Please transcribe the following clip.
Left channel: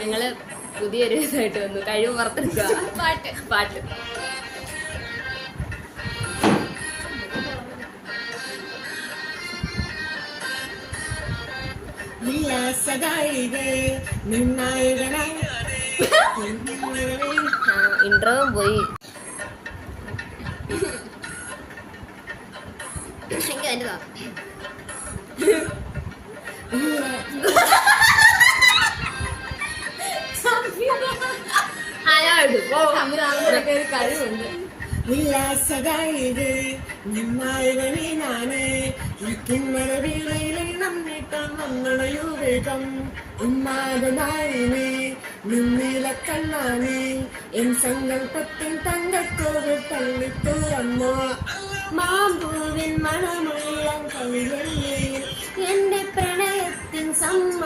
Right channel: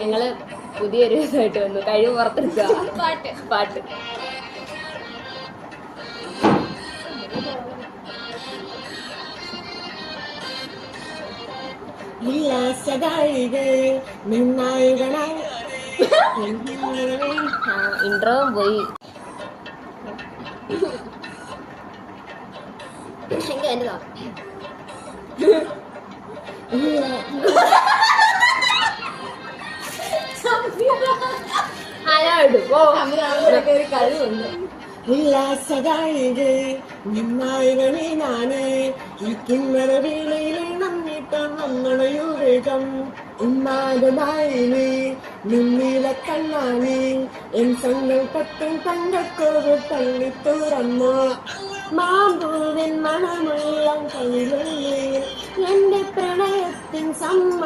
ഞങ്ങള് പുതിയൊരു ഇതായിട്ട് വന്നു. കഴിവ് പുറത്തെടുക്കുക. പാട്ട് ഇൻട്രോവും പോയി. കഴിവുണ്ട്. ഉല്ലാസകായികേ നിന്നായവനെ ഞാനേ ഇരിക്കുന്നവ വേളയിലെ നമ്മിട്ടാൻ വന്നണയോ വേഗം ഉന്മാദനായിനേ നിന്നീല കണ്ണാനേ എൻ സങ്കൽപ്പത്തിൻ തങ്കത്തോട് തള്ളി തുറന്നു മാമ്പൂവിൻ മണമുള്ള കവിളിൽ എന്റെ പ്രണയത്തിൻ സമ്മ